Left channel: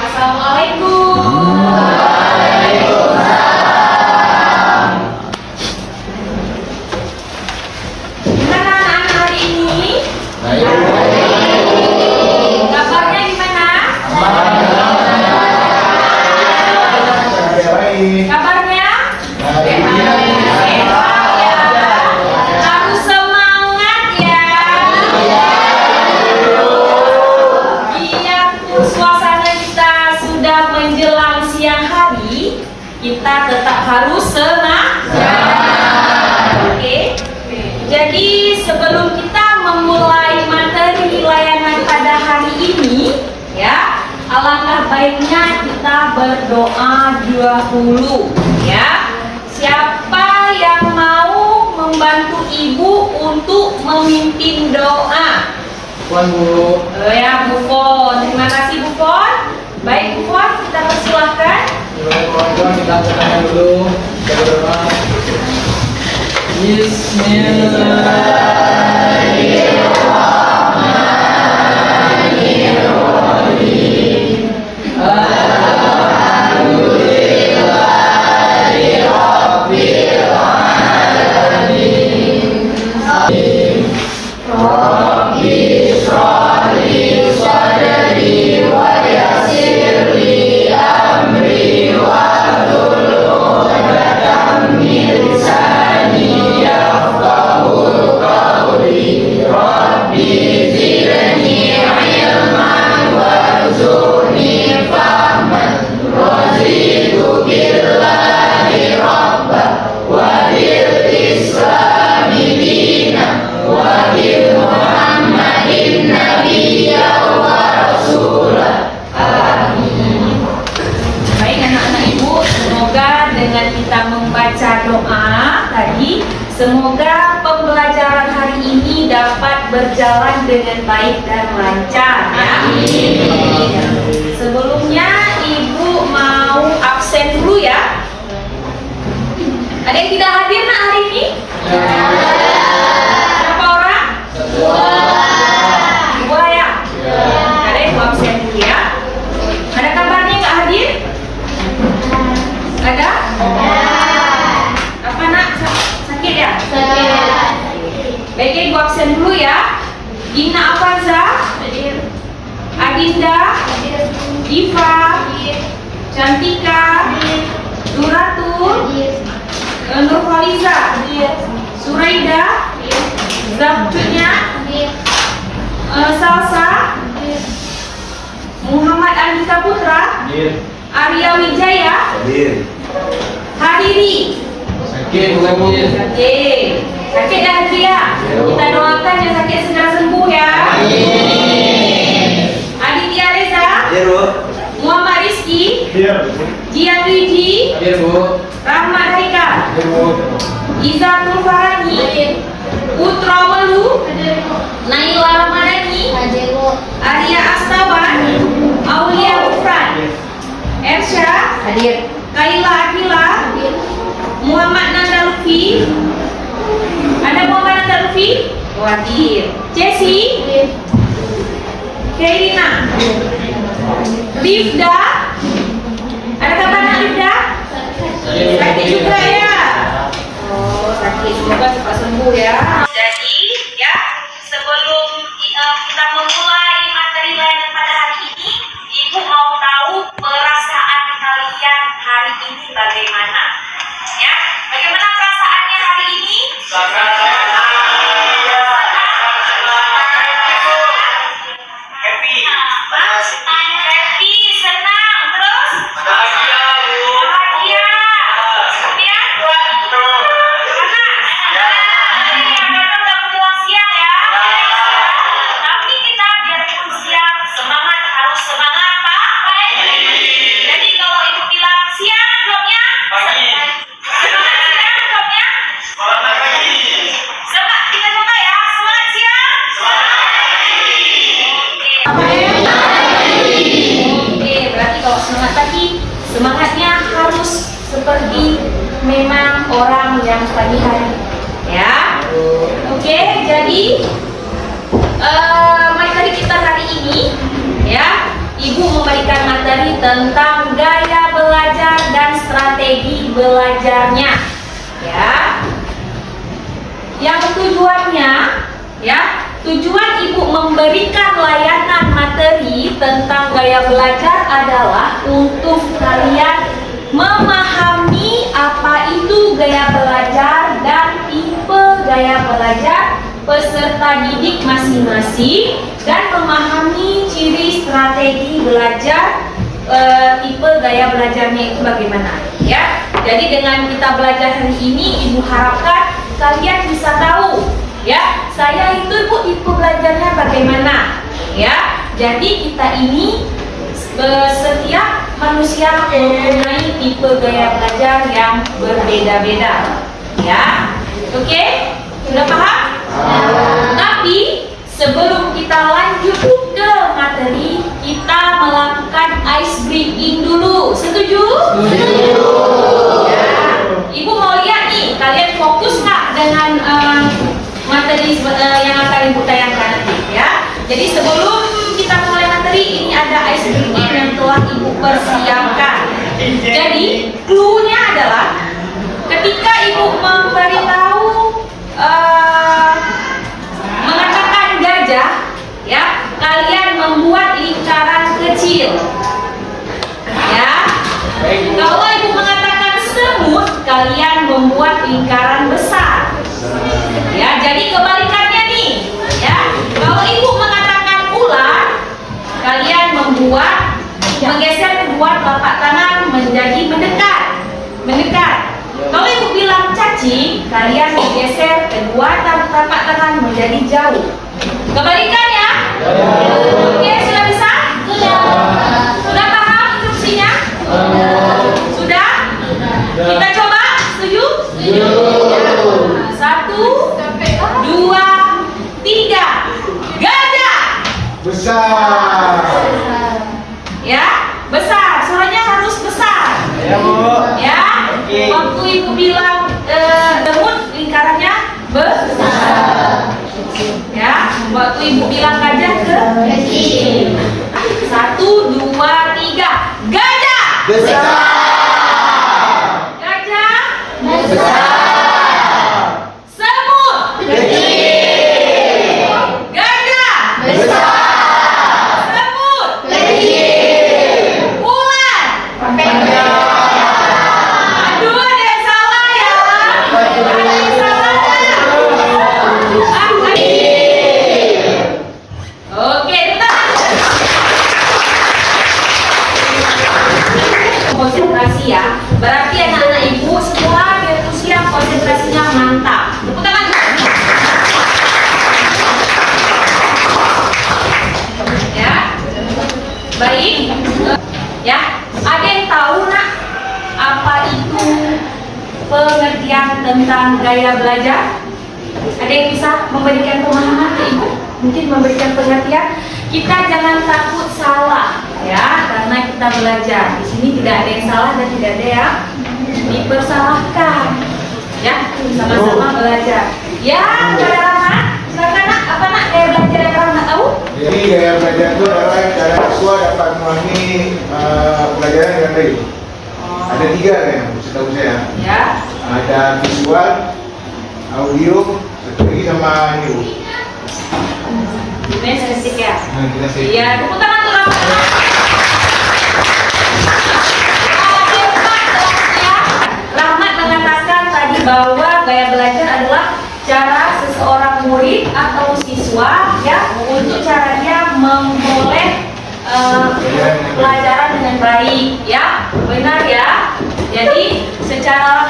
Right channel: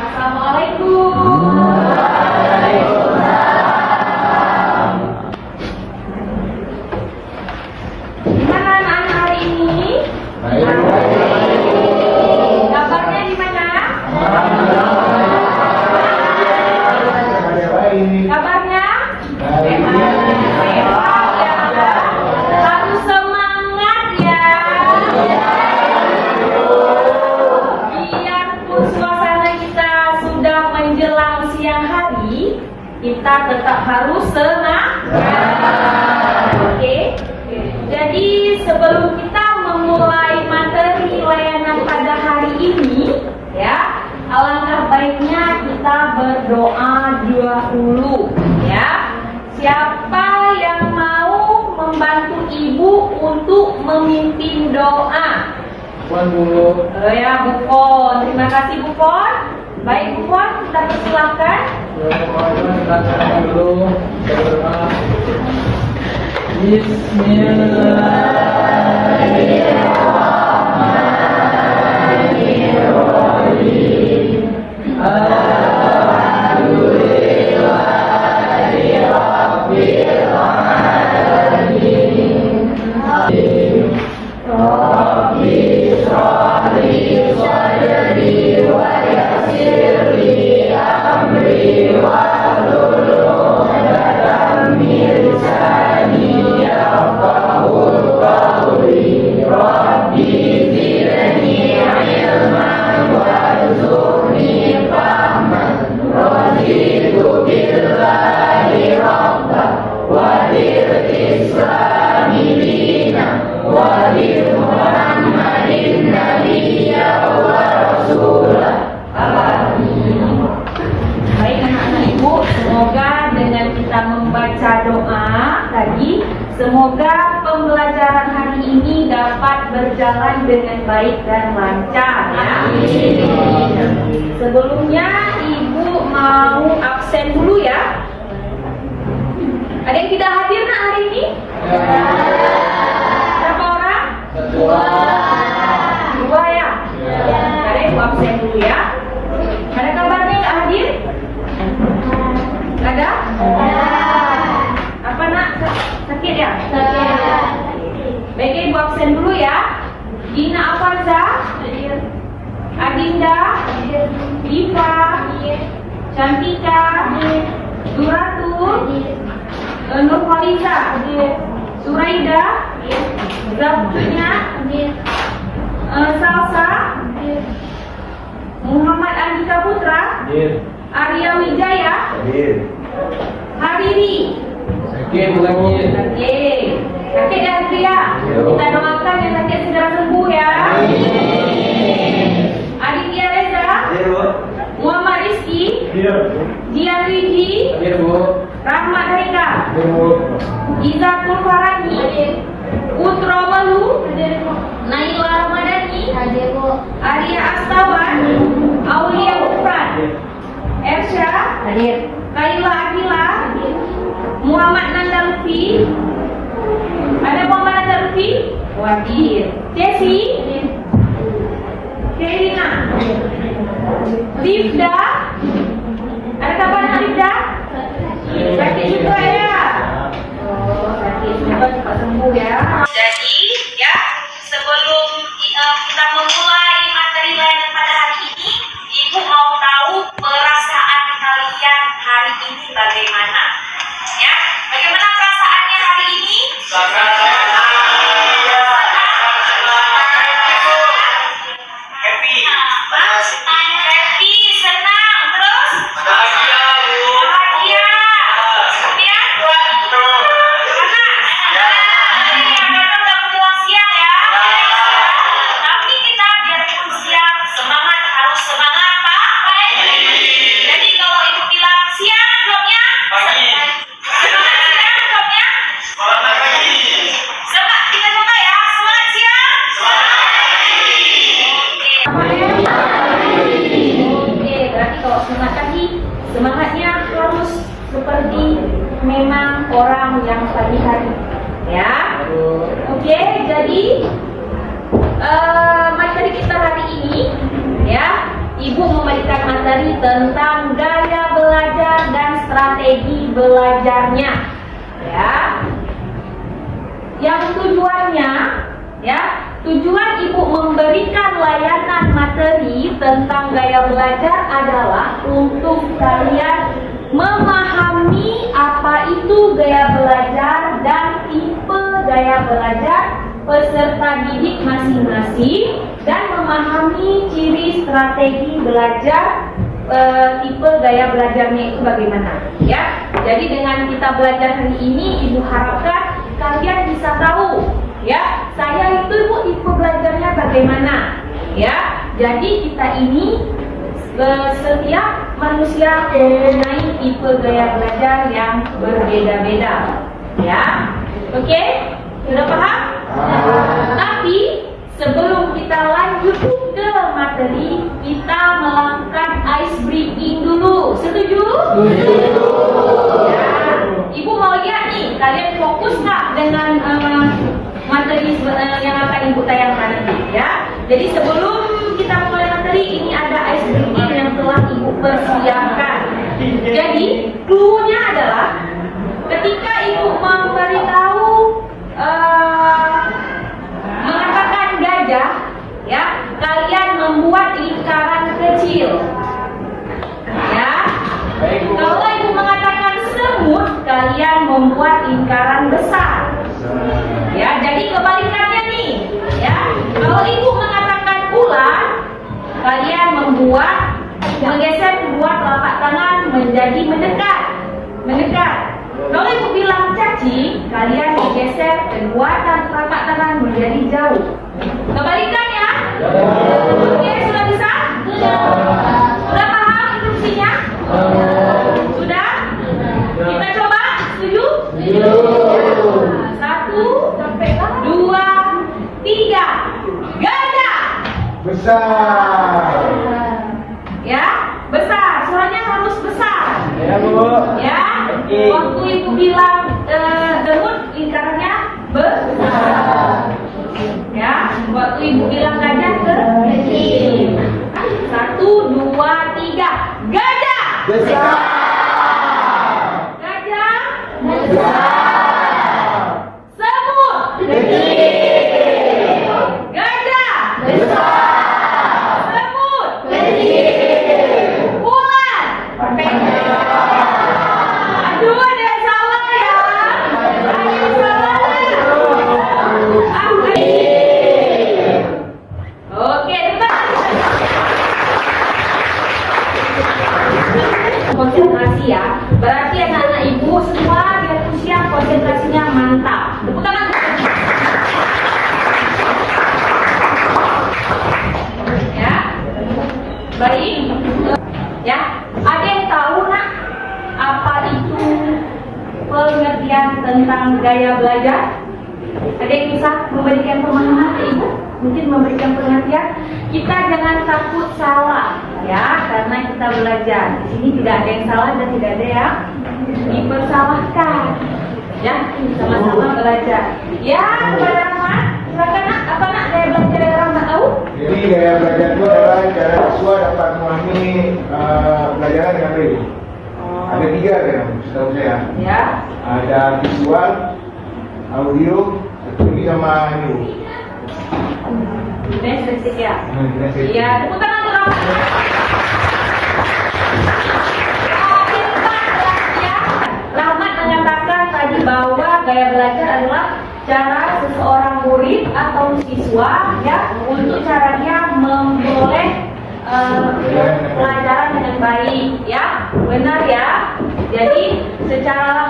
Assalamualaikum. Gimana anak-anak hari ini? Kabarnya gimana? Kabarnya? Sehat ya. Harus semangat ya. Biarpun suasana kita sudah menjelang siang hari, kita tetap harus semangat. Oke. Jadi sebelum kita memulai materi layanan pada hari ini, ya, alangkah baiknya kita berdoa dahulu, ya. Siapa yang mau membantu ibu untuk memimpin doa? Puan Bu. Ya, Bu Fon. Terima kasih Bu Fon. Baik Bu Fon, kita persilahkan. Puan kita acaranya dulu. Kita berdoa. Bismillahirrahmanirrahim. Semoga pembelajaran hari ini dapat berjalan dengan baik dan lancar ya. Sebelumnya Ibu mau absen dulu ya. Ada yang tidak hadir nak hari ini? Berapa orang? Dua ya? Ada yang mau absen dulu ya. Ada kabarnya nggak hadir? Ada? Apa nak? Sakit ya? Baik, ibu absen dulu ya. Gina Afanza, Adinda, Diva, Cantika, Duratul, Nurfaliza, Suraida, Zabtunya, Salsa, Muhammad Andika Putra, Arya Wijaya, Hariri. Sakit. Sakit dah dia. Kita doakan yang sakit segera sembuh ya. Aditya Reza, Muhammad Rizki, Jian Riji, Rahmat Haika, Izatul Farani, Putra Walu, Naila Ramadhani, Arya Astawan, Aulia Ufran, Ersha, Kaila Akila, Muhammad Nanda Lutfi. Ada Muhammad Nanda Lutfi? Hadir. Jesse, Kairina, Rifda. Ada kabar nak Rifda? Sakit juga ya? Oh, sakit. Semoga cepat sembuh ya. Jadi, ya, sebelum kita memulai materi layanan pada hari ini, Ibu mau tahu perasaan kalian hari ini bagaimana? Ya, bagaimana perasaannya hari ini? Happy, senang, terus? Bahagia. Kemudian? Karena udah menjelang siang ya. Tapi kita biarpun siang, semangat, harus semangat Pak. Jadi kalau Ibu bilang siang, jawabnya? Siang, jawabnya? Semangat, kita coba ya. Semangat siang. Oke, berarti kalau semangat pagi, semangatnya harus seperti memang orang yang pagi hari, ya. Oke, jadi materi kita hari ini, ya, Ibu memberikan materi tentang gaya belajar dan strategi belajarnya. Ya. Yang tujuannya, ya, tujuan Ibu memberikan layanan materi tentang gaya belajar adalah untuk kalian memahami apa itu gaya belajar dan tipe gaya belajar peserta didik masing-masing dan memahami ciri strategi belajar tipe gaya belajarnya itu bagaimana, ya. Jadi dengan kita belajar hari ini, Ibu harapkan kalian bisa tahu, ya, saya itu Ibu tipe belajarnya bagaimana, ya. Jadi kita ini setiap manusia mempunyai tipe gaya belajar yang berbeda-beda, ya. Oke, sudah paham? Tapi sebelum kita lanjut ke materi, kita melakukan ice breaking dulu. Setuju? Setuju. Ya. Ibu mau lihat nih, kalian fokus nggak dengan materi yang akan Ibu tayangkan nanti, ya. Jadi sebelum kita mulai materi, ini ada ice breaking yang telah Ibu persiapkan. Jadi clue-nya adalah ketika Ibu memberitahu mengatakan gajah, ya, kalian membuat lingkaran kecil, ya. Kalau Ibu mengatakan semut, kalian membuat lingkaran besar, ya. Jadi kebalikannya nih, ya. Kalau Ibu mengatakan ular, kalian menggeser kedua telapak tangan menjadi mendekat. Kalau Ibu bilang cacing, kalian menggeser kedua telapak tangan menjadi jauh. Kebalikannya? Oke, sudah bisa? Sudah paham instruksinya? Sudah? Kita coba? Setuju? Setuju. 1, 2, 3. Gajah! Besar. Ya, besar. Suaranya harus besar. Ya, Bu. Ya. Oke. Waktu Ibu bilang demut, lingkarannya besar. Ya. Waktu Ibu bilang gajah kecil. 1, 2, 3. Gajah. Besar. Gajah. Besar. Semut. Kecil. Gajah. Besar. Semut. Kecil. Ular. Aduh, ada yang salah ya. Ada yang salah. Oke, kita konsentrasi ya. Berarti anak-anak Ibu semua dia usia konsentrasinya mantap. Tepuk tangan. Ya. Baik. Ya, ada yang tahu nak apa itu pengertian tentang gaya belajar? Ada yang bisa memberikan pemahaman ke Ibu? Mungkin memberikan pengertian. Kita jangan takut salah, ya, karena kita belajar. Di sini tidak ada yang salah dan tidak ada yang dipersalahkan. Ya, sama-sama belajar. Ya, kepada Rahmat, silakan nak, apa nak gaya belajar yang Rahmat tahu? Jadi gaya belajar itu adalah cara siswa dapat memahami pelajaran dengan baik. Ada 3 yang setahu saya. Ya. Ada visual, audio, satu lagi sama ini, Bu. Ini sensitif ya. Nah, kita sih. Iya, tepuk tangan untuk Rahmat. Rahmat mengatakan tadi bahwa gaya belajar adalah cara seseorang murid atau siswa ya untuk caranya memperoleh pelajaran dengan baik, ya, benar ya. Jadi secara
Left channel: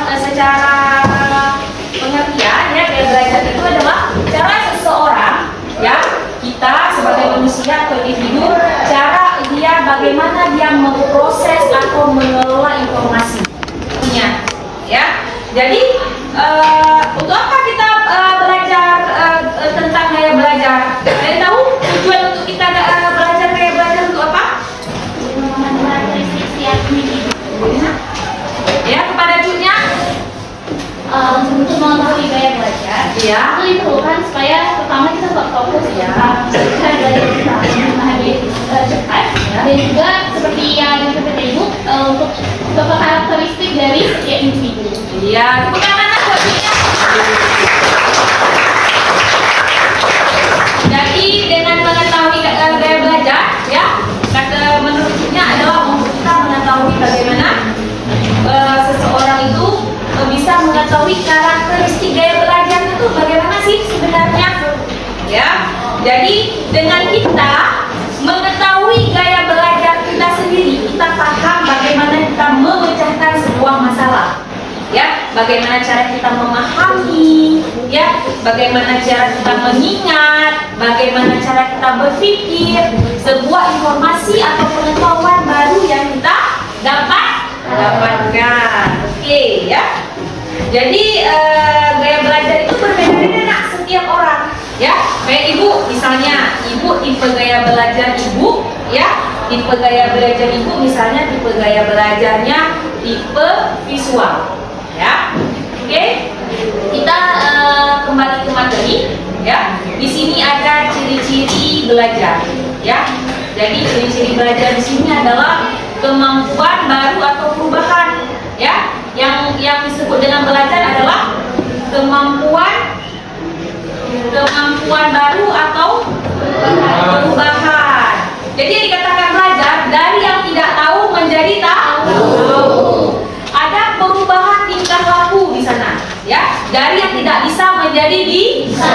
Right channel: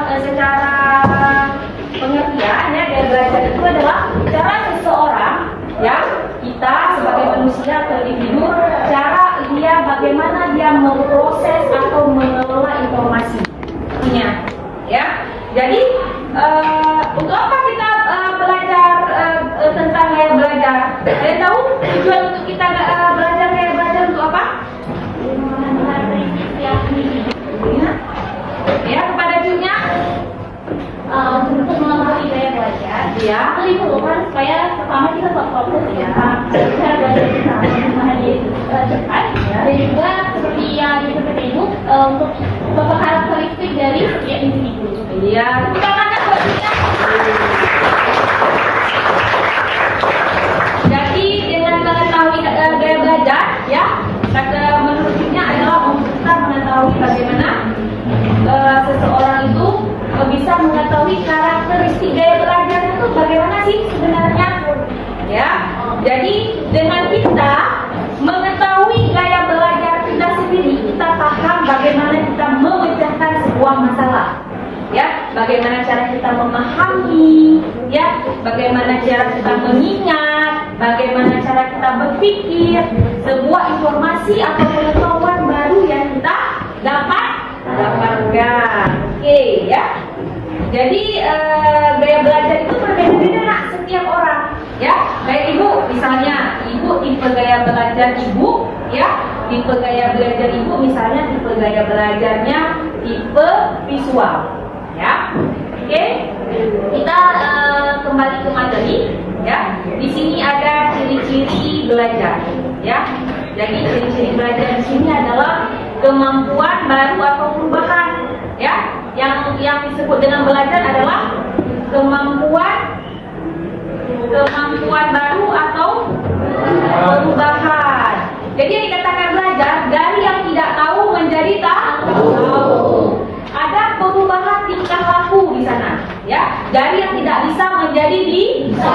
pengertian ya, gaya belajar itu adalah cara seseorang, ya, kita sebagai manusia atau individu, cara dia bagaimana dia memproses atau mengelola informasinya, ya. Jadi untuk apa kita belajar tentang gaya belajar? Jadi tahu tujuan untuk kita belajar gaya belajar untuk apa? Ya, kepada cucunya untuk mengetahui gaya belajar, Iya. itu diperlukan supaya pertama kita tetap fokus ya, belajar dan kita memahami cepat, dan juga seperti yang Ya, tepuk tangan buat dia. Jadi dengan mengetahui gaya belajar, ya, kata menurutnya adalah untuk kita mengetahui bagaimana seseorang itu bisa mengetahui karakteristik gaya belajar itu bagaimana sih sebenarnya, ya. Jadi dengan kita mengetahui gaya belajar kita sendiri, kita paham bagaimana kita memecahkan sebuah masalah. Ya, bagaimana cara kita memahami, ya, bagaimana cara kita mengingat, bagaimana cara kita berpikir sebuah informasi atau pengetahuan baru yang kita dapatkan. Oke, ya. Jadi gaya belajar itu berbeda-beda nak setiap orang, ya. Kayak ibu, misalnya, ibu tipe gaya belajar ibu, ya. Tipe gaya belajar ibu, misalnya tipe gaya belajarnya tipe visual. Ya, oke. Kita kembali ke materi. Ya, di sini ada ciri-ciri belajar. Ya, jadi ciri-ciri belajar di sini adalah kemampuan baru atau perubahan. Ya, yang disebut dengan belajar adalah kemampuan baru atau perubahan. Jadi yang dikatakan belajar dari yang tidak tahu menjadi tahu. Ada perubahan tingkah laku di sana, ya. Dari yang tidak bisa menjadi bisa.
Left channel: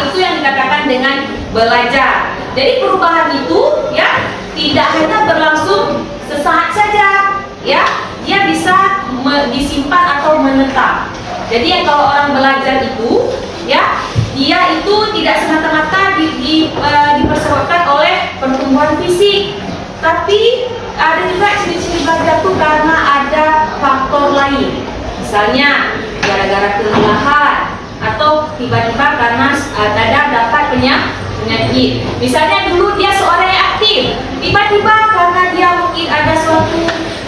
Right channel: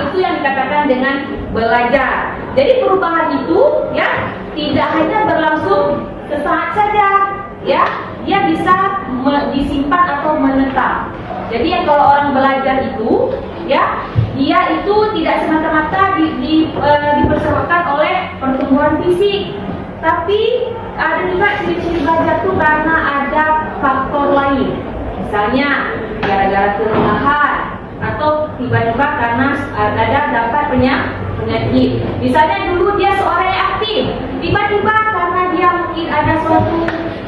Itu yang dikatakan dengan belajar. Jadi perubahan itu, ya, tidak hanya berlangsung sesaat saja, ya. Dia bisa disimpan atau menetap. Jadi yang kalau orang belajar itu, ya, dia itu tidak semata-mata dipersebabkan oleh pertumbuhan fisik, tapi ada juga ciri-ciri belajar itu karena ada faktor lain. Misalnya gara-gara kelelahan atau tiba-tiba karena dapat penyakit. Misalnya dulu dia seorang yang aktif, tiba-tiba karena dia mungkin ada suatu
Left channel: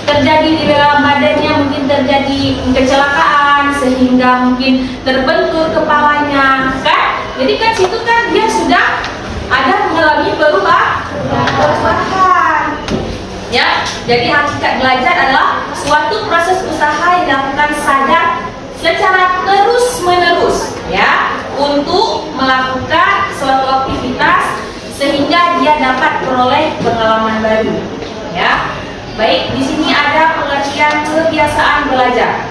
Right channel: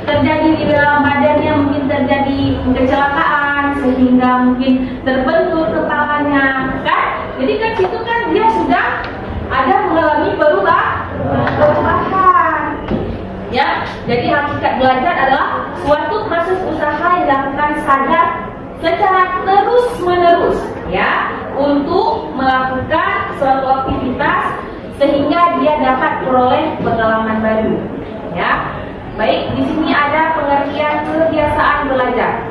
terjadi di dalam badannya, mungkin terjadi kecelakaan sehingga mungkin terbentur kepalanya, kan? Jadi kan situ kan dia sudah ada mengalami perubahan. Ya, jadi hakikat belajar adalah suatu proses usaha yang dilakukan sadar secara terus-menerus, ya, untuk melakukan suatu aktivitas sehingga dia dapat peroleh pengalaman baru. Ya, baik, di sini ada pengertian kebiasaan belajar.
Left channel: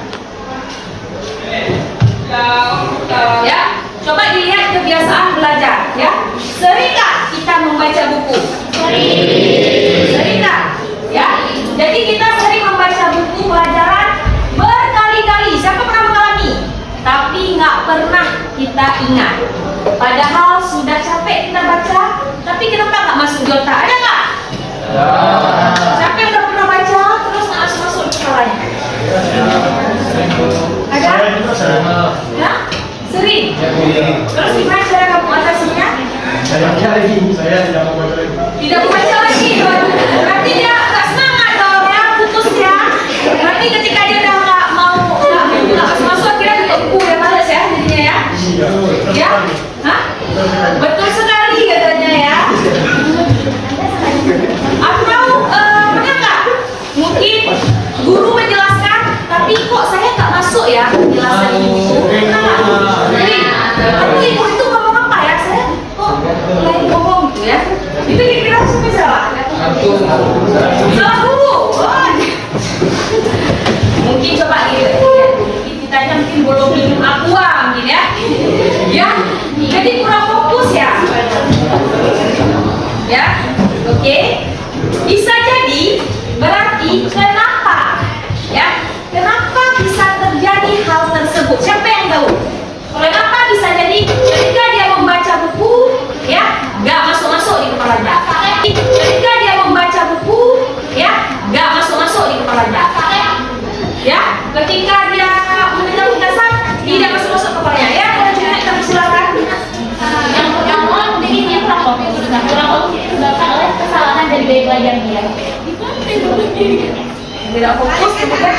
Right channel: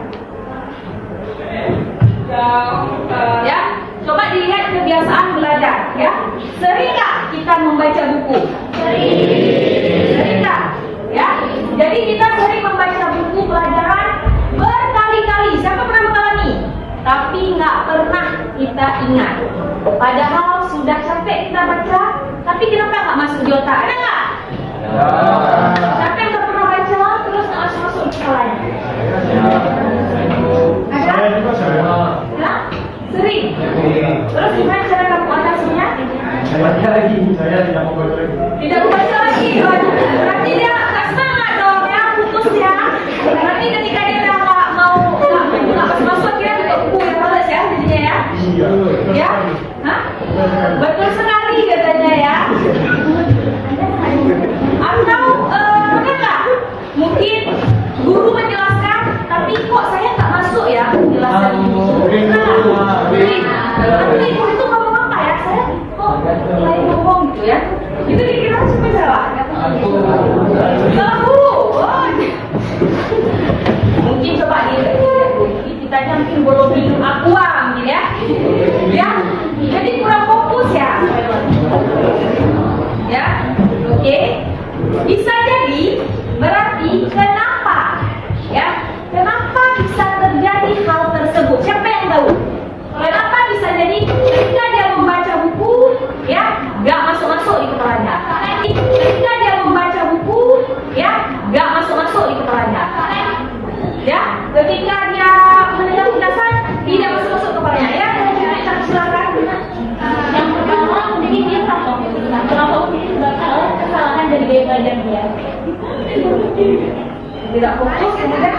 Ya, coba dilihat kebiasaan belajar. Ya, seringkah kita membaca buku? Sering tak? Ya, jadi kita sering membaca buku pelajaran berkali-kali. Siapa pernah mengalami? Tapi nggak pernah kita ingat. Padahal sudah capek kita baca, tapi kenapa nggak masuk di otak? Ada nggak? Siapa yang udah pernah baca terus nggak masuk di kepalanya? Ada? Ya? Sering. Terus gimana cara kamu atasinya? Saya tidak mau baca lagi. Tidak membaca lagi. Berarti dia nggak semangat dong ya, putus ya. Berarti ketika dia udah nggak masuk akhirnya tutup buku ya, males ya jadinya ya. Ya? Hah? Betul sekali katanya ya. Atau pernah nggak? Mungkin guru menjelaskan, tapi kok saya nggak masuk ya penjelasan ini. Pernah nggak? Atau ibu itu ngomong apa ya? Saya kok lagi ngomong gitu ya? Itu kira-kira siapa salah? Salah guru. Mungkin coba ditanya mungkin belum minum aqua mungkin ya. Ya, jadi kurang fokus ya. Ya, oke. Bisa jadi berarti kenapa? Ya, kenapa bisa terjadi hal tersebut? Siapa yang tahu? Kenapa bisa jadi ketika dia membaca buku, ya, nggak masuk-masuk di kepalanya. Ketika dia membaca buku, ya, nggak masuk-masuk di kepalanya. Ya, ketika dia mendengar ulasan, tidak masuk-masuk kepalanya. Ya, kalau juga kita silakan. Yang pertama mungkin dia kurang fokus. Kurang fokus itu disebabkan oleh kesalahan dari gaya belajar dia. Tidak fokus, kemudian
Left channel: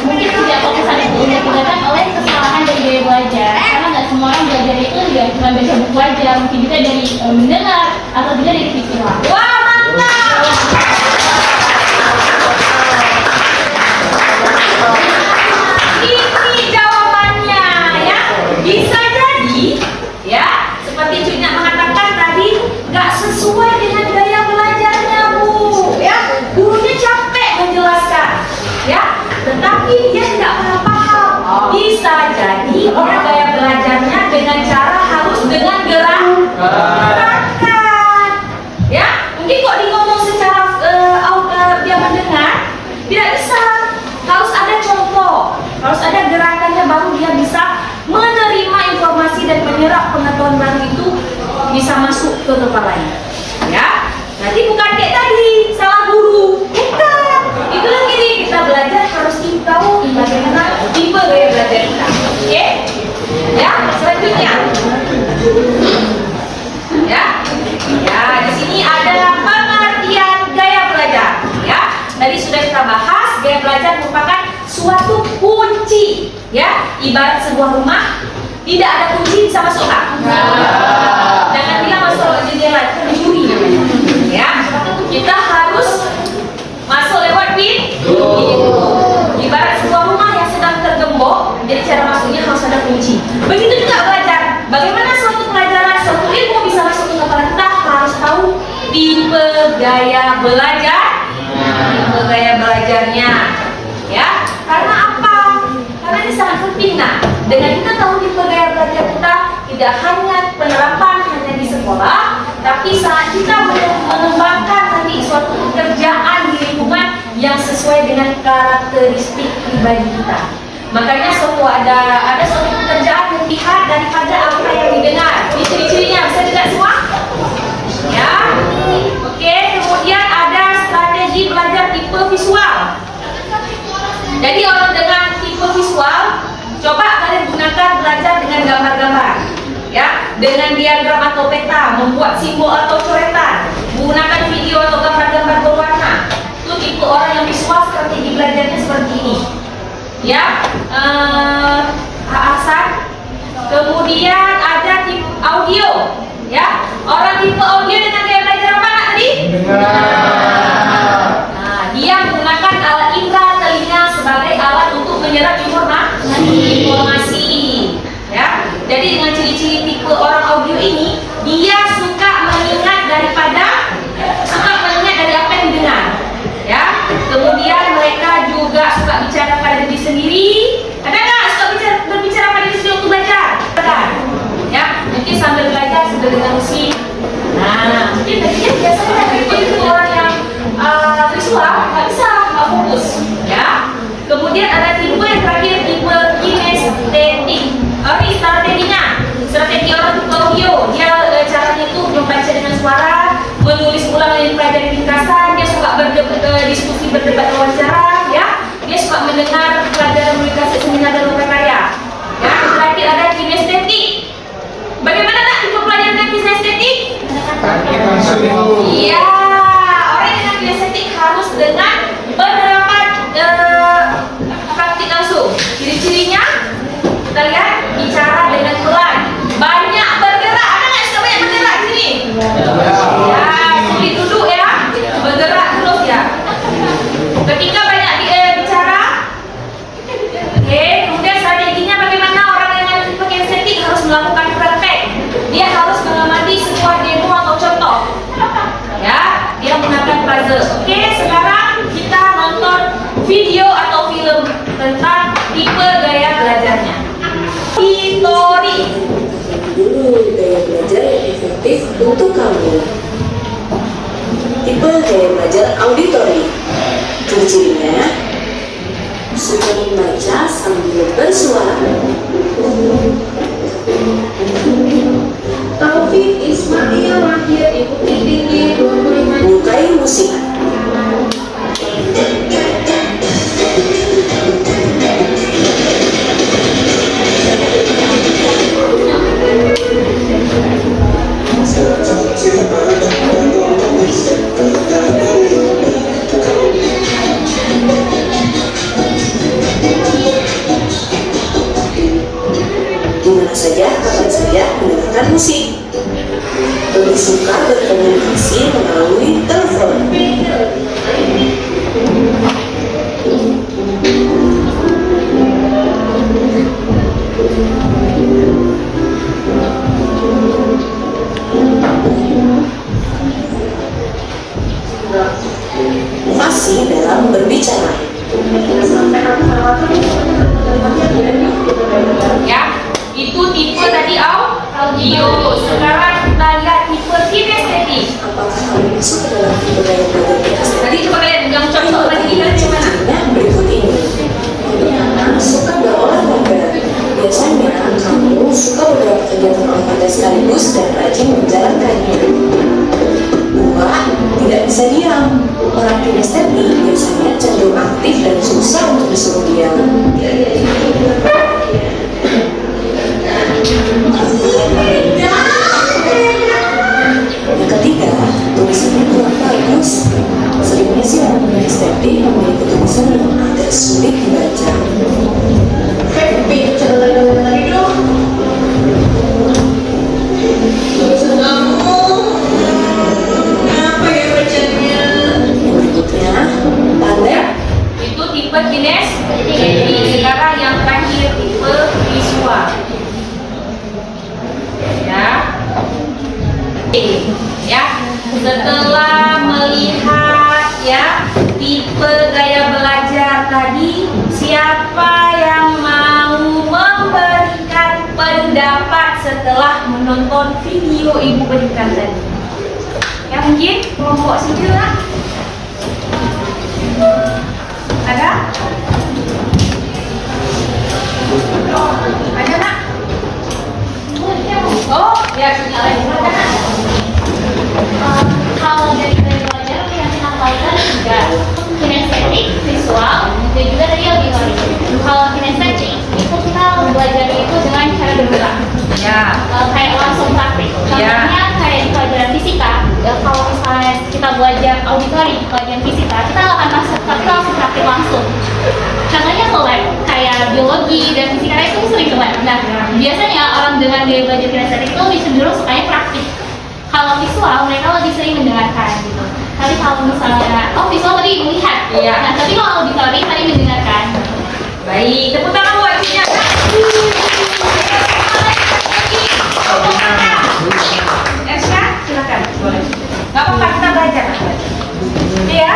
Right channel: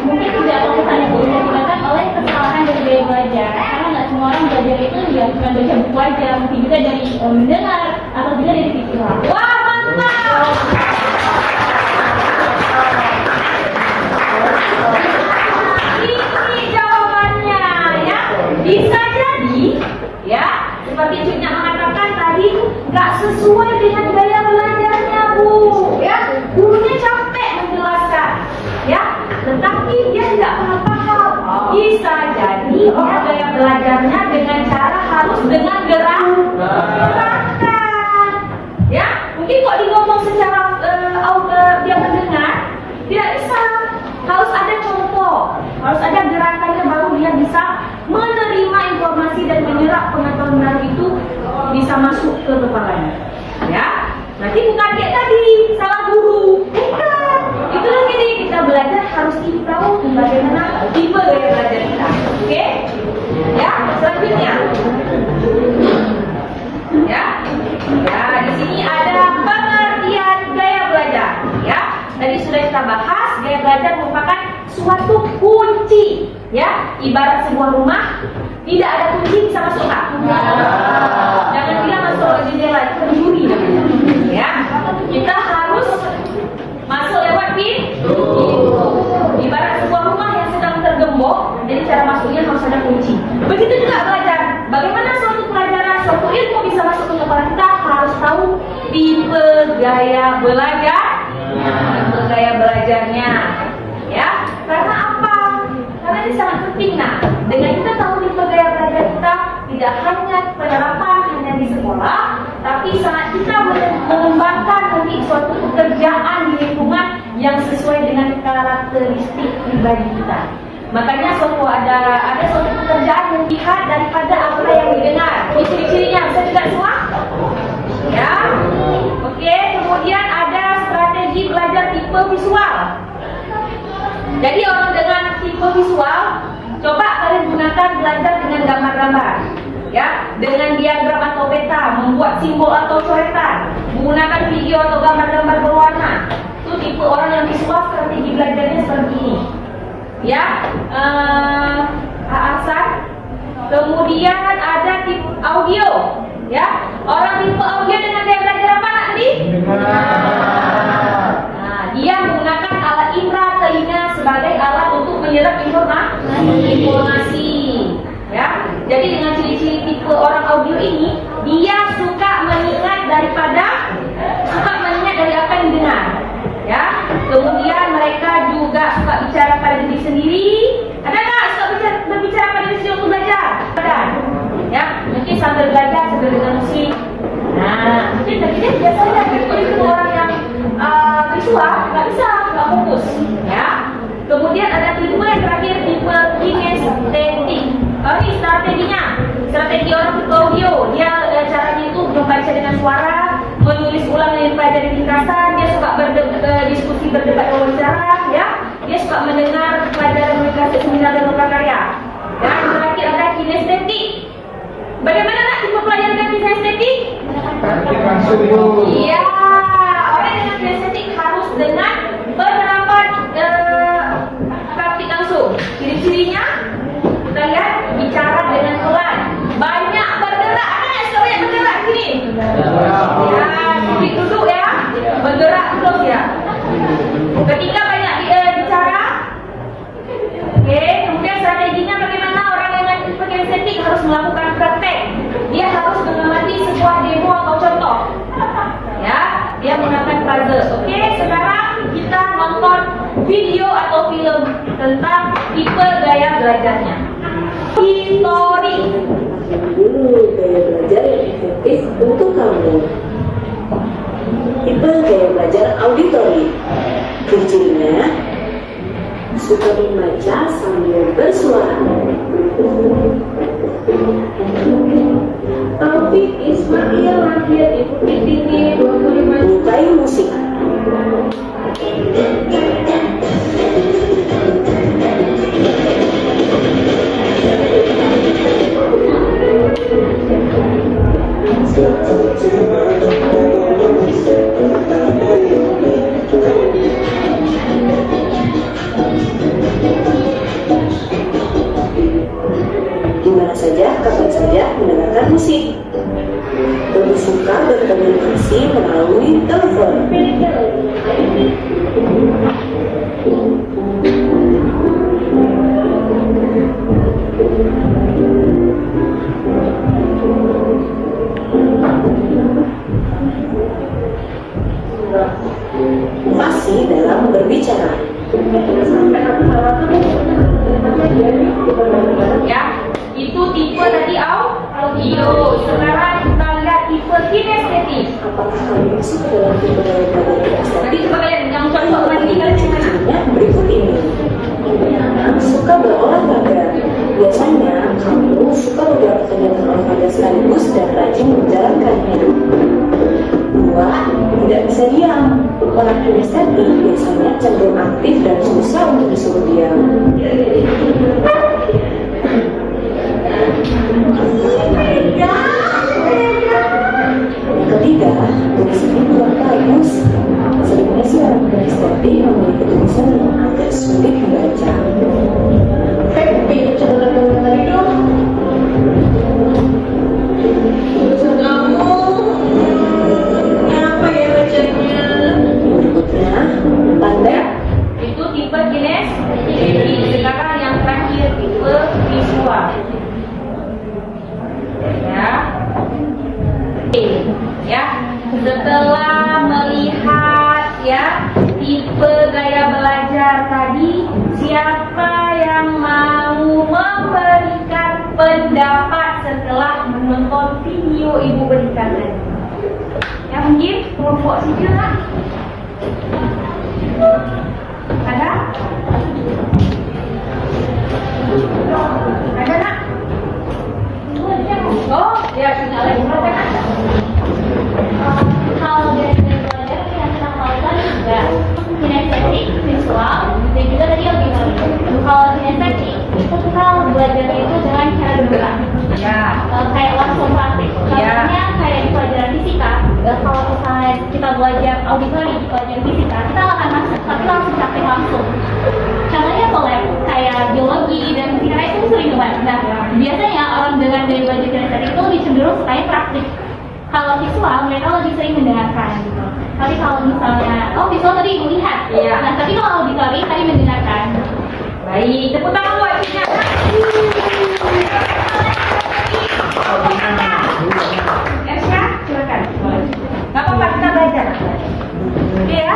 Mungkin tidak fokusan itu disebabkan oleh kesalahan dari gaya belajar. Karena nggak semua orang belajar itu nggak cuma baca buku aja, mungkin juga dari mendengar atau juga dari visual. wah, mantap. Ini sesuai dengan gaya belajarnya, Bu. Ya, gurunya capek menjelaskan, ya, tetapi dia tidak paham. Bisa jadi orang gaya belajarnya dengan cara harus dengan gerakan, ya. Mungkin kok di ngomong secara dia mendengar, tidak bisa. Harus ada contoh, harus ada gerakannya baru dia bisa menerima informasi dan menyerap pengetahuan baru itu bisa masuk ke kepalanya. Ya, berarti bukan kayak tadi salah guru, bukan. Itulah gini kita belajar harus tahu bagaimana tipe gaya belajar kita. Oke? Ya, selanjutnya. Ya, ya di sini ada pengertian gaya belajar. Ya, tadi sudah kita bahas gaya belajar merupakan suatu kunci. Ya, ibarat sebuah rumah tidak ada kunci bisa masuk nggak? Jangan bilang masuk lewat jendela, itu mencuri namanya. Ya, kita harus masuk lewat pintu. Ibarat sebuah rumah yang sedang tergembok, jadi cara masuknya harus ada kunci. Begitu juga belajar. Bagaimana suatu pelajaran, suatu ilmu bisa masuk ke kepala kita, harus tahu tipe gaya belajar, tipe gaya belajarnya. Ya, karena apa? Karena ini sangat penting. Nah, dengan kita tahu tipe gaya belajar kita, tidak hanya penerapan hanya di sekolah, tapi saat kita mengembangkan nanti suatu pekerjaan di lingkungan yang sesuai dengan karakteristik pribadi kita. Makanya ada suatu pekerjaan yang dilihat daripada apa yang didengar. Ini ciri-cirinya, bisa tidak semua? Ya, oke. Kemudian ada strategi belajar tipe visual. Jadi orang dengan tipe visual, coba kalian gunakan belajar dengan gambar-gambar, ya, dengan diagram atau peta, membuat simbol atau coretan, menggunakan video atau gambar-gambar berwarna. Itu tipe orang yang visual, strategi belajarnya seperti ini, ya. Hasan. Kemudian ada tipe audio, ya. Orang tipe audio dengan gaya belajar apa tadi? Dia menggunakan alat indera telinga sebagai alat untuk menyerap informasi. Ya, jadi dengan ciri-ciri tipe orang audio ini, dia suka mengingat dari apa yang didengar. Ya, kemudian mereka juga suka bicara pada diri sendiri. Ada nggak suka berbicara pada diri sendiri untuk belajar? Ada. Ya, mungkin sambil belajar sambil dengar musik. Nah, mungkin tadinya biasanya itu orang yang visual nggak bisa, nggak fokus, ya. Kemudian ada tipe yang terakhir, tipe kinestetik. Ini strategi orang tipe audio. Dia caranya itu membaca dengan suara, menulis ulang yang dipelajari ringkasan. Dia suka diskusi, berdebat, wawancara, ya. Dia suka mendengar pelajaran komunikasi, seminar dan lokakarya. Ya, yang terakhir ada kinestetik. Bagaimana nak tipe pelajaran dengan kinestetik? Iya, orang dengan kinestetik harus dengan penerapan praktik langsung. Ciri-cirinya kita lihat, bicara dengan pelan, banyak bergerak. Ada nggak suka banyak bergerak di sini? Ya, sulit duduk ya, bergerak terus ya. Ketika banyak bicara, oke. Kemudian strateginya bagaimana orang dengan tipe kinestetik harus melakukan praktek. Dia harus mengamati sebuah demo atau contoh. Ya, dia menggunakan puzzle. Oke, sekarang kita nonton video atau film tentang tipe gaya belajarnya. Hitori. Dulu gaya belajar yang efektif untuk kamu. Tipe gaya belajar auditory. Ciri-cirinya suka membaca sambil bersuara. Taufik Ismail lahir di Bukit Tinggi 25. Menyukai musik. Dimana saja, kapan saja mendengarkan musik. Lebih suka berkomunikasi sekarang kita lihat tipe kinestetik. Apakah kalian masuk ke dalam tipe gaya belajar kinestetik? Nanti coba kalian yang contoh lagi lihat yang mana? Nah, berikut ini. Pertama, suka berolahraga. Biasanya kamu suka beberapa kegiatan olahraga sekaligus dan rajin menjalankannya. Dua, tidak bisa diam. Orang kinestetik biasanya cenderung aktif dan susah untuk disuruh diam. Yang ketiga, tulisannya kurang bagus. Seringnya sih orang kinestetik memiliki tulisan yang agak sulit dibaca. Berikutnya, pandai. Itu tipe kinestetik. Sekarang yang terakhir tipe visual. Ya. Ya, setelah melihat ya tipe gaya belajar tadi, siapa yang mau memberikan pendapat setelah menonton video ibu berikan tadi? Ya mungkin kelompok saja lah. Ada? Ada nak? Oh, ya punya lagi. Ada nak? Kalau dari belajar yang kita lakukan juga kinestetik, visual, dan juga tadi auditory. Kalau kinestetik itu kita belajar itu dengan cara bergerak. Ya. Kayak langsung praktik. Contohnya kayak di pelajaran fisika. Ya, kalau misalnya kita belajar auditori, pelajaran fisika, kita akan langsung praktik langsung. Contohnya ke lab, kayak biologi dan fisika itu sering ke lab. Nah, biasanya orang dengan gaya belajar kinestetik itu lebih cenderung sukanya praktik. Kalau visual, mereka lebih sering mendengarkan gitu. Tapi kalau misalnya, visual tadi melihat. Iya. Nah, tapi kalau auditori tadi mendengarkan. Baik, tepuk tangan buat Cinya. Ersha, silakan. Boleh. Gak apa-apa, kita belajar. Oke ya?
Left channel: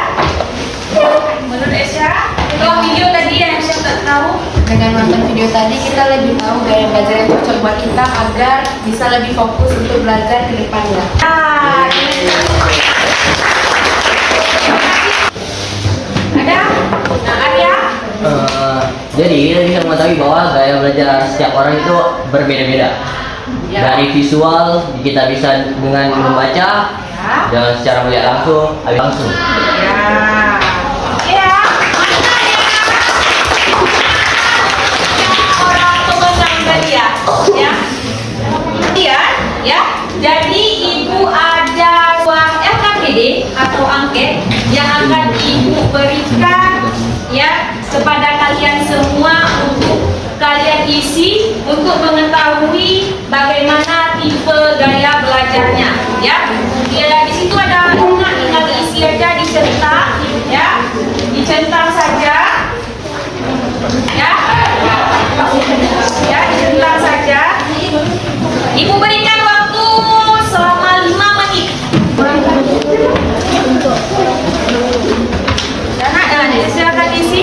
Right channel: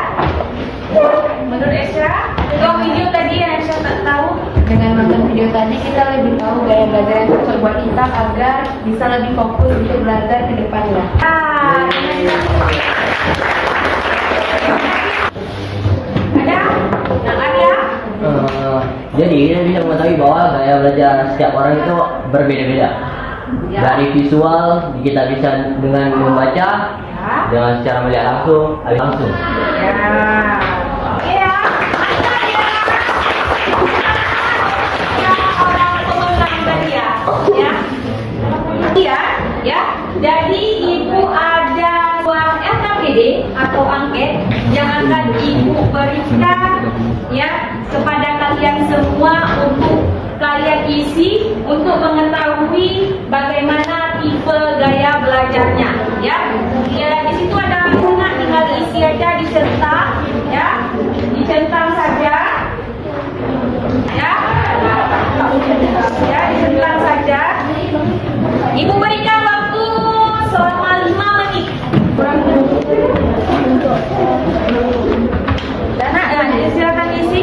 Menurut Ersha, itu video tadi yang Ersha tak tahu. Dengan nonton video tadi kita lebih tahu gaya belajar yang cocok buat kita agar bisa lebih fokus untuk belajar ke depannya. Ah, ada? Nah, Arya? Jadi kita bisa mengetahui bahwa gaya belajar setiap orang itu berbeda-beda. Ya. Dari visual kita bisa dengan membaca, Ya. dan secara melihat langsung, langsung. Ya. Ya. Orang pemenang tadi ya. Ya. Iya, ya. Jadi Ibu ada uang LKPD atau angket yang akan Ibu berikan ya kepada kalian semua untuk kalian isi untuk mengetahui bagaimana tipe gaya belajarnya ya. Ya di situ ada tinggal diisi aja, dicentang ya. Dicentang saja. Ya. Ya, dicentang saja. Ibu berikan waktu selama 5 menit. Dana, silakan isi.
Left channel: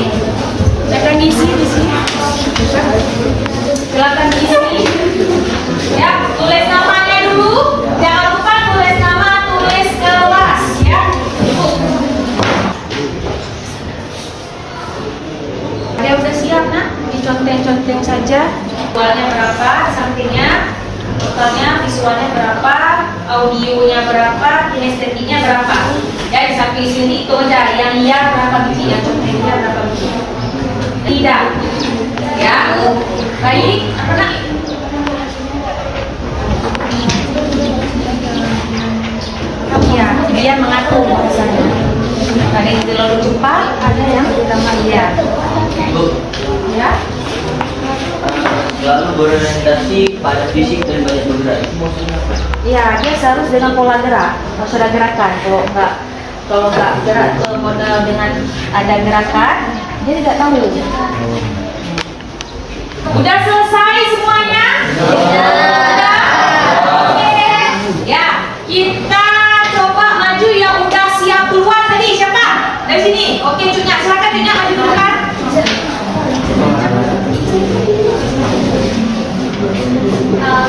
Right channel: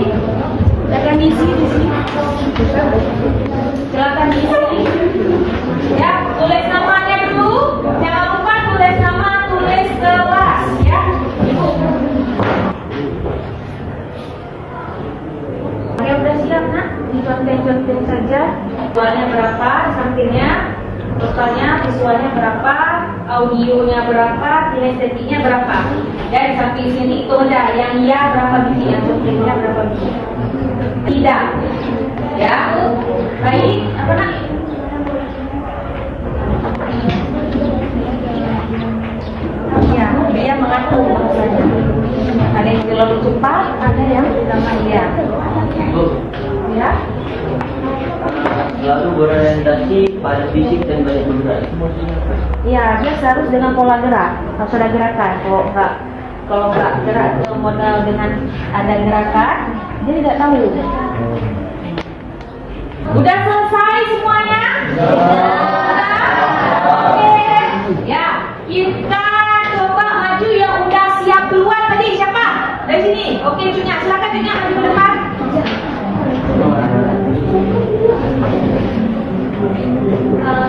Silakan isi di sini. Silakan isi. Ya, tulis namanya dulu. Jangan lupa tulis nama, tulis kelas ya. Ibu. Ada udah siap nak? Diconteng-conteng saja. Visualnya berapa? Sampingnya. Totalnya visualnya berapa? Audionya berapa? Kinestetiknya berapa? Ya di samping sini itu aja. Yang iya berapa biji? Yang contengnya berapa biji? Tidak. Ya. Baik. Apa nak? Iya, dia mengatur bahasanya. Ada yang terlalu cepat, ada yang lama iya. Ya. Lalu berorientasi pada fisik dan banyak bergerak, itu maksudnya apa? Iya, dia harus dengan pola gerak. Harus ada gerakan. Kalau nggak gerak modal dengan ada gerakan, dia tidak tahu. Udah selesai semuanya? Udah. Oke. Ya, kita coba maju yang udah siap duluan tadi. Siapa? Dari sini. Oke, Cunya. Silakan Cunya maju duluan.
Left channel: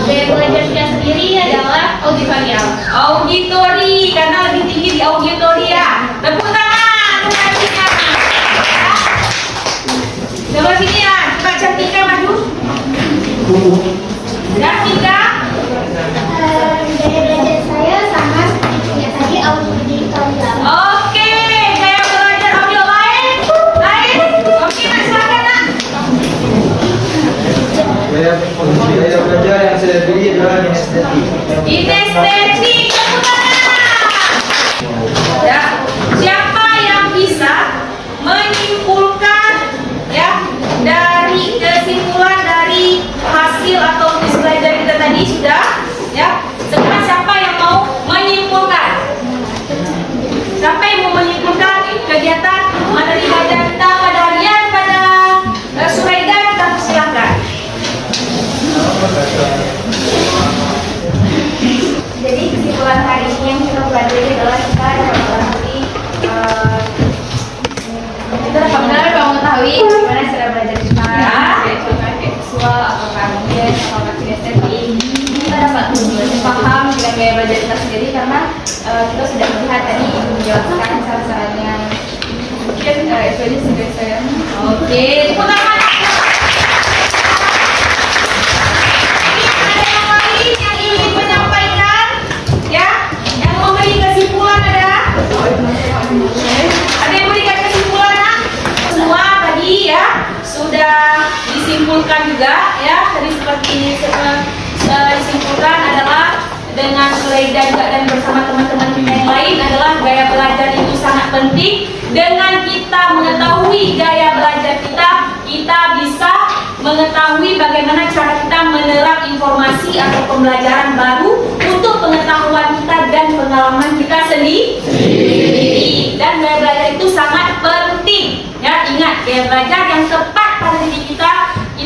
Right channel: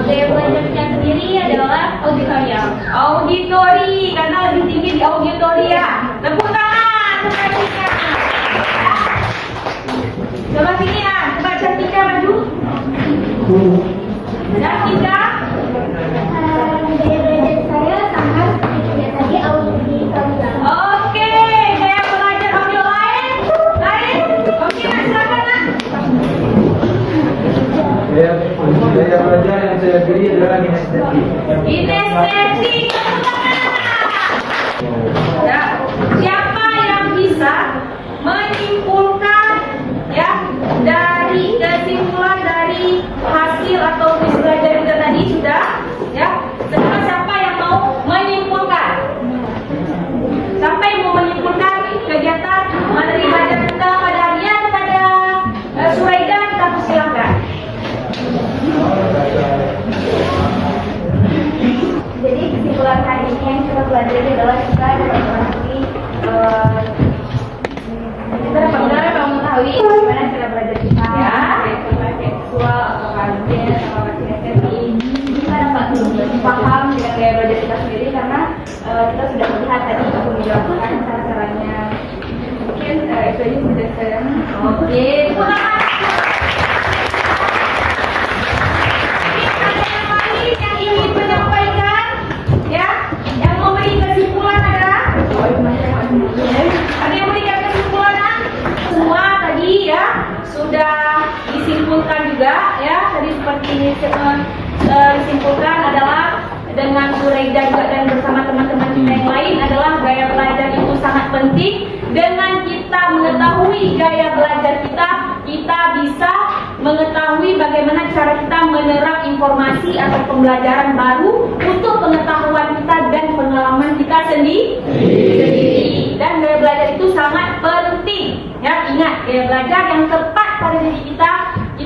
Gaya belajarnya sendiri adalah auditorial. Auditori, karena lebih tinggi di auditori ya. Tepuk tangan untuk Cantika. Coba sini ya, coba Cantika maju. Cantika. Gaya belajar saya sama seperti tadi auditorial. Oke, gaya belajar audio lain. Oke, Nak, silakan Nak. Gaya belajar yang saya pilih adalah kinestetik. Kinestetik, tepuk tangan. Ya, siapa yang bisa menyimpulkan ya dari kesimpulan dari hasil atau tes belajar kita tadi sudah ya. Sekarang siapa yang mau menyimpulkan? Siapa yang mau menyimpulkan kegiatan materi belajar kita pada harian pada Suraida, kita persilahkan. Jadi kesimpulan hari ini yang kita pelajari adalah kita dapat mengetahui bagaimana cara belajar kita, contohnya kayak visual atau KBS atau kinestetik. Kita dapat lebih paham dengan gaya belajar kita sendiri karena kita sudah melihat tadi menjelaskan cara-caranya. Mungkin itu aja sih dari saya. Oke, tepuk tangan. Ini ada yang lain yang ingin menyampaikan, ya? Yang memberi kesimpulan ada? Ada yang memberikan kesimpulan? Nak? Semua tadi ya sudah disimpulkan juga, ya. Tadi seperti disimpulkan adalah dengan Suraida juga dan bersama teman-teman kita yang lain adalah gaya belajar itu sangat penting. Dengan kita mengetahui gaya belajar kita bisa mengetahui bagaimana cara kita menyerap informasi atau pembelajaran baru untuk pengetahuan kita dan pengalaman kita sendiri. Dan gaya belajar itu sangat penting. Ya, ingat, gaya belajar yang tepat pada diri kita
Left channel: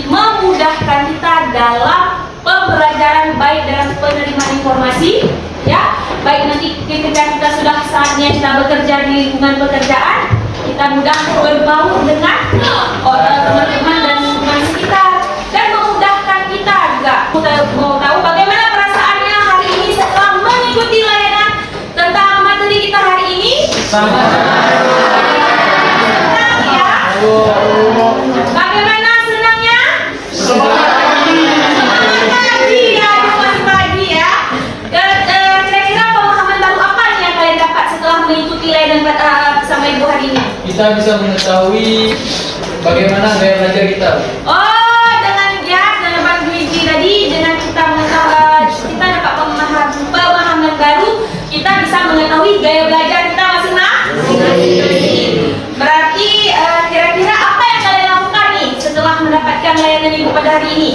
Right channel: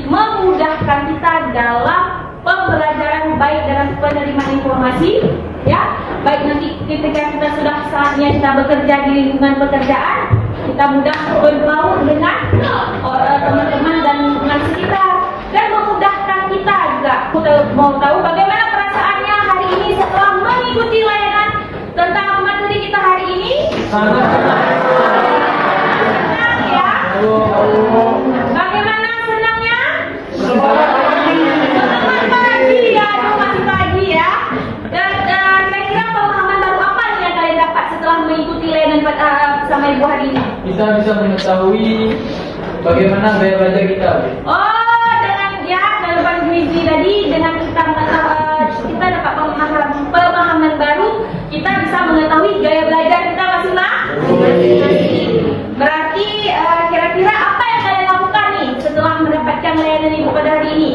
memudahkan kita dalam pembelajaran, baik dalam penerimaan informasi, ya, baik nanti ketika kita sudah saatnya kita bekerja di lingkungan pekerjaan, kita mudah berbaur dengan teman-teman dan lingkungan sekitar, dan memudahkan kita juga. Kita mau tahu bagaimana perasaannya hari ini setelah mengikuti layanan tentang materi kita hari ini? Senang ya? Bagaimana senangnya? Pagi ya, masih pagi ya. Kira-kira pemahaman baru apa nih yang kalian dapat setelah mengikuti layanan bersama Ibu hari ini? Kita bisa mengetahui bagaimana gaya belajar kita. Oh, dengan ya dalam Luigi tadi, dengan kita mengetahui, kita dapat pemahaman baru, kita bisa mengetahui gaya belajar kita masing-masing. Berarti kira-kira apa yang kalian lakukan nih setelah mendapatkan layanan Ibu pada hari ini?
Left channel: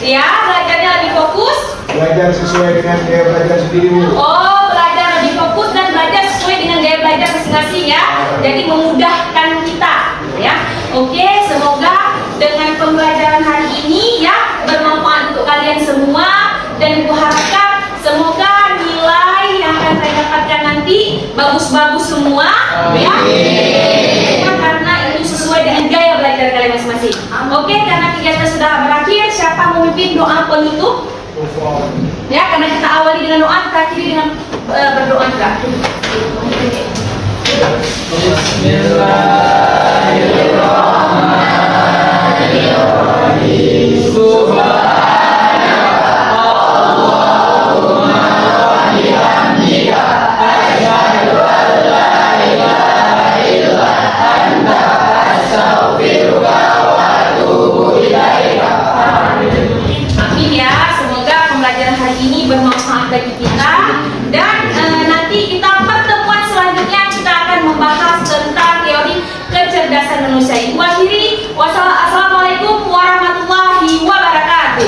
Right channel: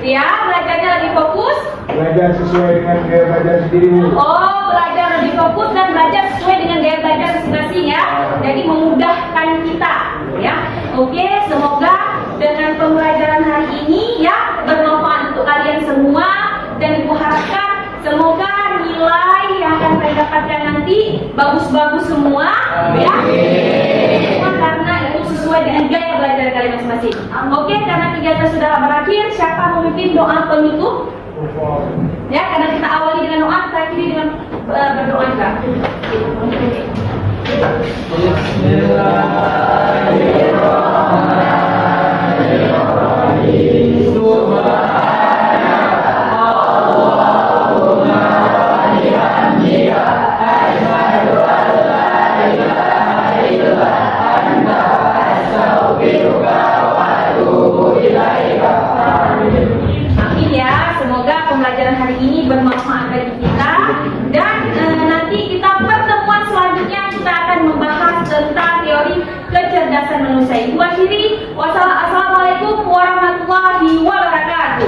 Ya, belajarnya lebih fokus. Belajar sesuai dengan gaya belajar sendiri, Bu. Oh, belajar lebih fokus dan belajar sesuai dengan gaya belajar masing-masing ya. Jadi memudahkan kita, ya. Oke, semoga dengan pembelajaran hari ini ya bermanfaat untuk kalian semua, dan Ibu harapkan semoga nilai yang akan kalian dapatkan nanti bagus-bagus semua, ya. Semua karena itu sesuai dengan gaya belajar kalian masing-masing. Oke, karena kegiatan sudah berakhir, siapa mau memimpin doa penutup? Ya, karena kita awali dengan doa, kita akhiri dengan berdoa juga. Bismillahirrahmanirrahim. Amin ya, semoga pembelajaran hari ini bermanfaat bagi kita, dan nanti kita pertemuan selanjutnya kita akan membahas tentang teori kecerdasan manusia. Ibu akhiri, wassalamualaikum warahmatullahi wabarakatuh.